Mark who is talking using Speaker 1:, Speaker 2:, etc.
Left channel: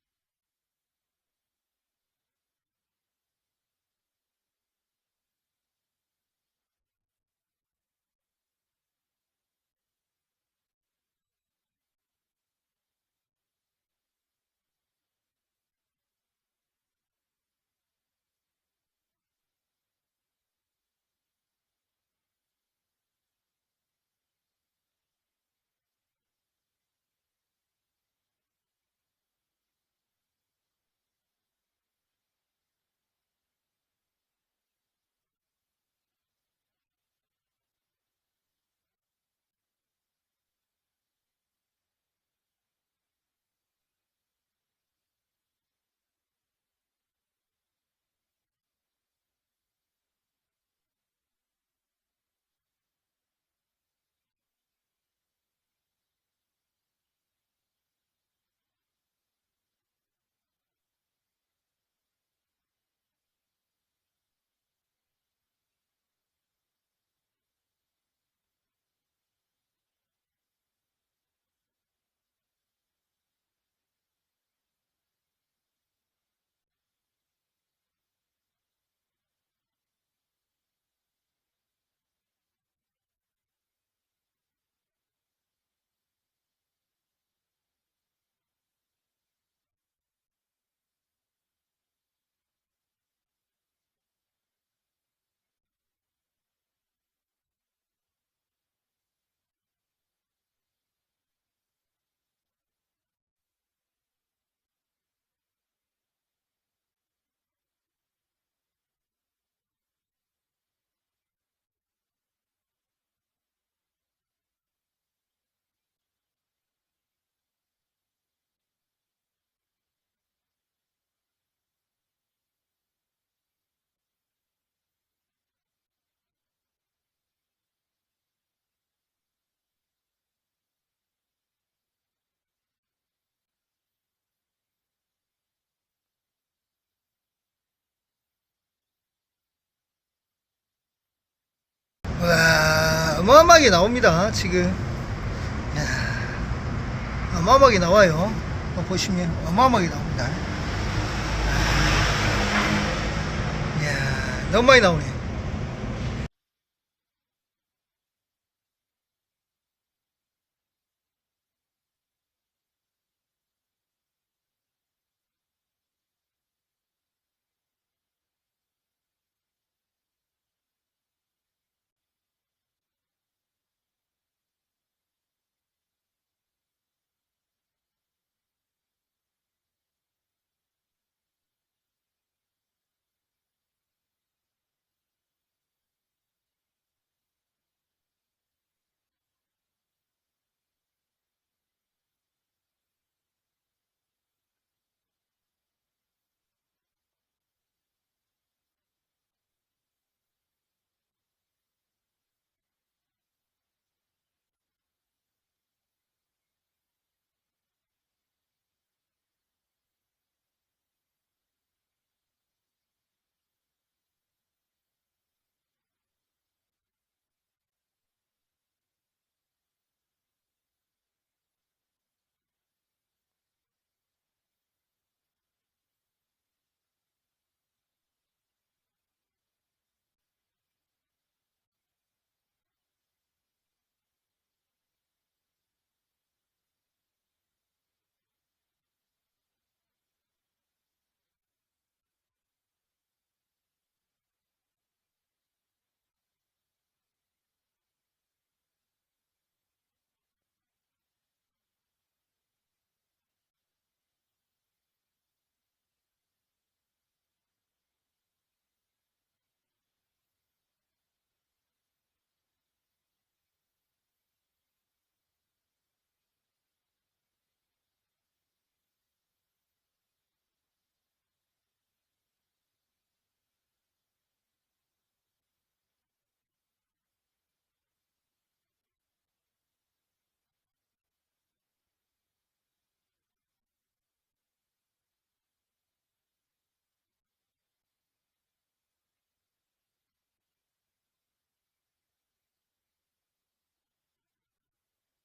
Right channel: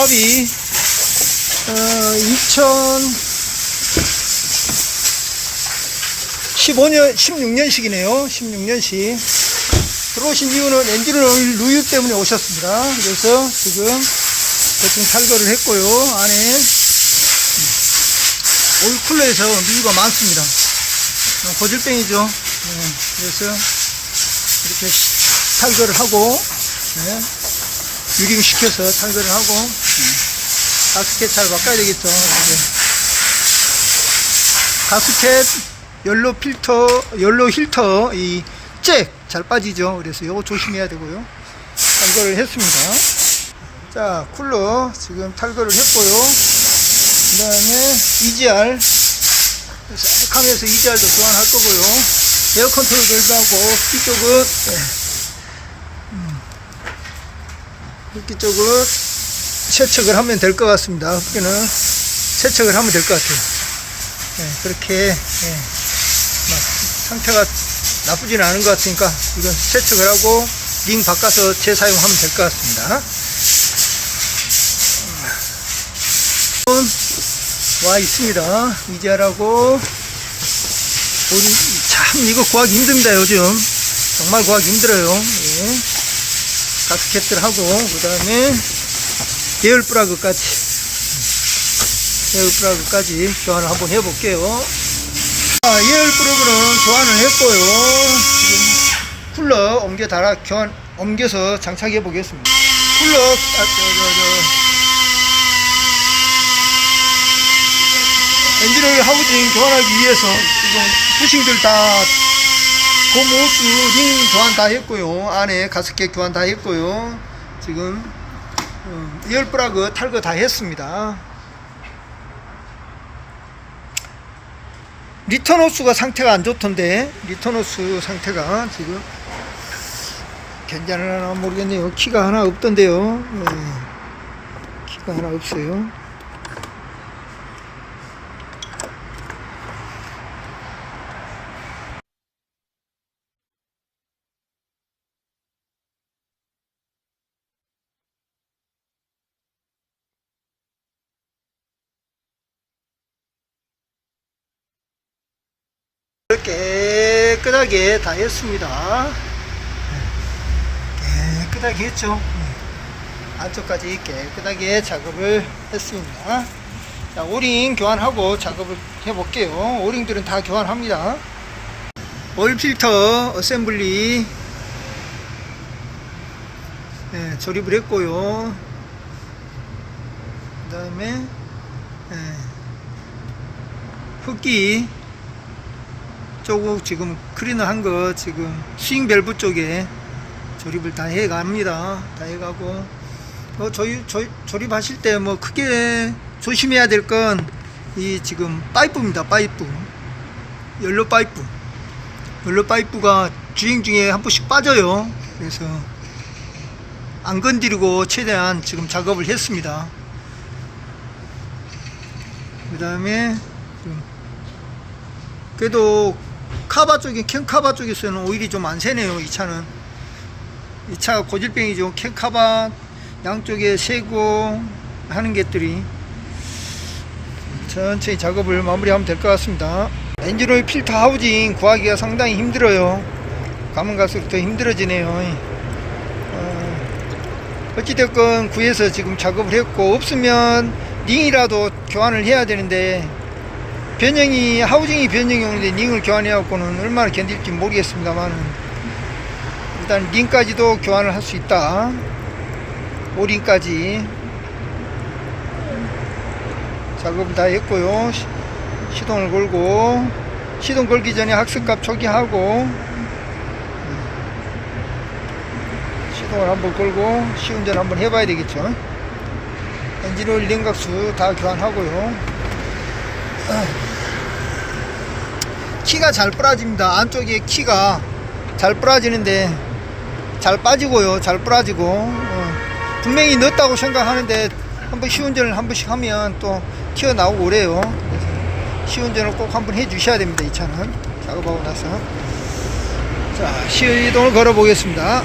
Speaker 1: 조합이 어, 2015년 16년식이네요. 16년식. 들어오신 이유는 엔진을 누유 때문에 오셨습니다. 그래서 지금 대충 탈거를 했고요. 안에 오일 쿨러에서 누유가 많습니다. 어, 고질병이죠. 네, 그래서 이렇게 시- 탈거를 하고 네, 유링 시켜서 탈거를 하고 음, 가스켓 잘 바꿔야 되겠죠. 가스켓 연로 필터 연로 힐터 이 잭 잘 빠지죠. 그래서 이거 조심해야 되고요. 탈거를 했습니다. 자 쿨러 지금 탈거를 했고요. 그 다음에 EGR 셀카면서 EGR도 교환할 거고요. 에어 컨트롤 밸브 하고 뒤쪽은 네. 흡기 쪽을 세척을 하면 될 것 같습니다. 흡기는 세척을 하면 될 것 같아요. 예, 그렇게 예, 막 상태가 나쁘지는 않은 것 같으니까 이건 세척을 하고 링 바꿔서 재사용하면 될 것 같습니다. 음, 와 있습니다. 이자라고 참 이거 구하기 힘듭니다 요즘 정말 구하기 힘들어요. 예. 가스켓들 하고 그 다음에 계열 프라그까지 계열 프라그까지 교환을 한번 해볼게요 아, 예열 프라그는 교환을 했고요 지금 쿨러 옮겨 달아 교환 옮겨서 장착해 보겠습니다 쿨러 아, 저, 저, 저. 엔진오일 하우징 교환하기 위해서 지금 부싱들 다 고모스 링 교환 다 했고요. 안에 가스켓 교환 다 했고요. 지금 어, 프라그 탈거 다 했습니다. 리턴 호스가 상태가 안 좋던데 리턴 호스 상태가 지금 괜찮으나 모르겠네요. 키가 하나 없던데요. 네. 키가 하나 없어요. 와, 어마어마하게 나옵니다, 지금. 야, 어마어마하게 나와요. 어, 보시면 어마어마하게 나옵니다. 이야, 너무 많이 나오네요. 깨끗하게 다 했습니다. 깨끗하게 했죠. 안쪽까지 깨끗하게 작업을 했습니다. 자, 오링 교환하고 작업을 해볼게요. 오링들은 다 교환합니다. 오일 필터 어셈블리 네, 조립을 했고요. 그 다음에 네, 흡기 조금 지금 클리너 한 거 지금 스윙 밸브 쪽에 조립을 다 해갑니다. 다 해가고 뭐 조립, 조, 조립하실 때 뭐 크게 조심해야 될 건 이 지금 파이프입니다. 파이프 연료 파이프 연료 파이프가 주행 중에 한 번씩 빠져요. 그래서 안 건드리고 최대한 지금 작업을 했습니다. 그 다음에 그래도 카바 쪽에 캔 카바 쪽에서는 오일이 좀 안 새네요. 이 차는 이 차가 고질병이죠. 캔 카바 양쪽에 새고 하는 것들이 천천히 작업을 마무리하면 될 것 같습니다. 엔진오일 필터 하우징 구하기가 상당히 힘들어요. 가면 갈수록 더 힘들어지네요. 어, 어찌됐건 구해서 지금 작업을 했고 없으면 링이라도 교환을 해야 되는데 변형이 하우징이 변형이 오는데 링을 교환해 갖고는 얼마나 견딜지 모르겠습니다만 일단 링까지도 교환을 할 수 있다. 오링까지 작업을 다 했고요. 시- 시동을 걸고 시동 걸기 전에 학습값 초기하고 시동을 한번 걸고 시운전 한번 해봐야 되겠죠. 엔진오일 냉각수 다 교환하고요. 키가 잘 부러집니다. 안쪽에 키가 잘 부러지는데 잘 빠지고요. 잘 부러지고 어, 분명히 넣었다고 생각하는데 한번 시운전을 한 번씩 하면 또 튀어나오고 그래요. 시운전을 꼭 한번 해 주셔야 됩니다. 이 차는 작업하고 나서 자 시동을 걸어 보겠습니다.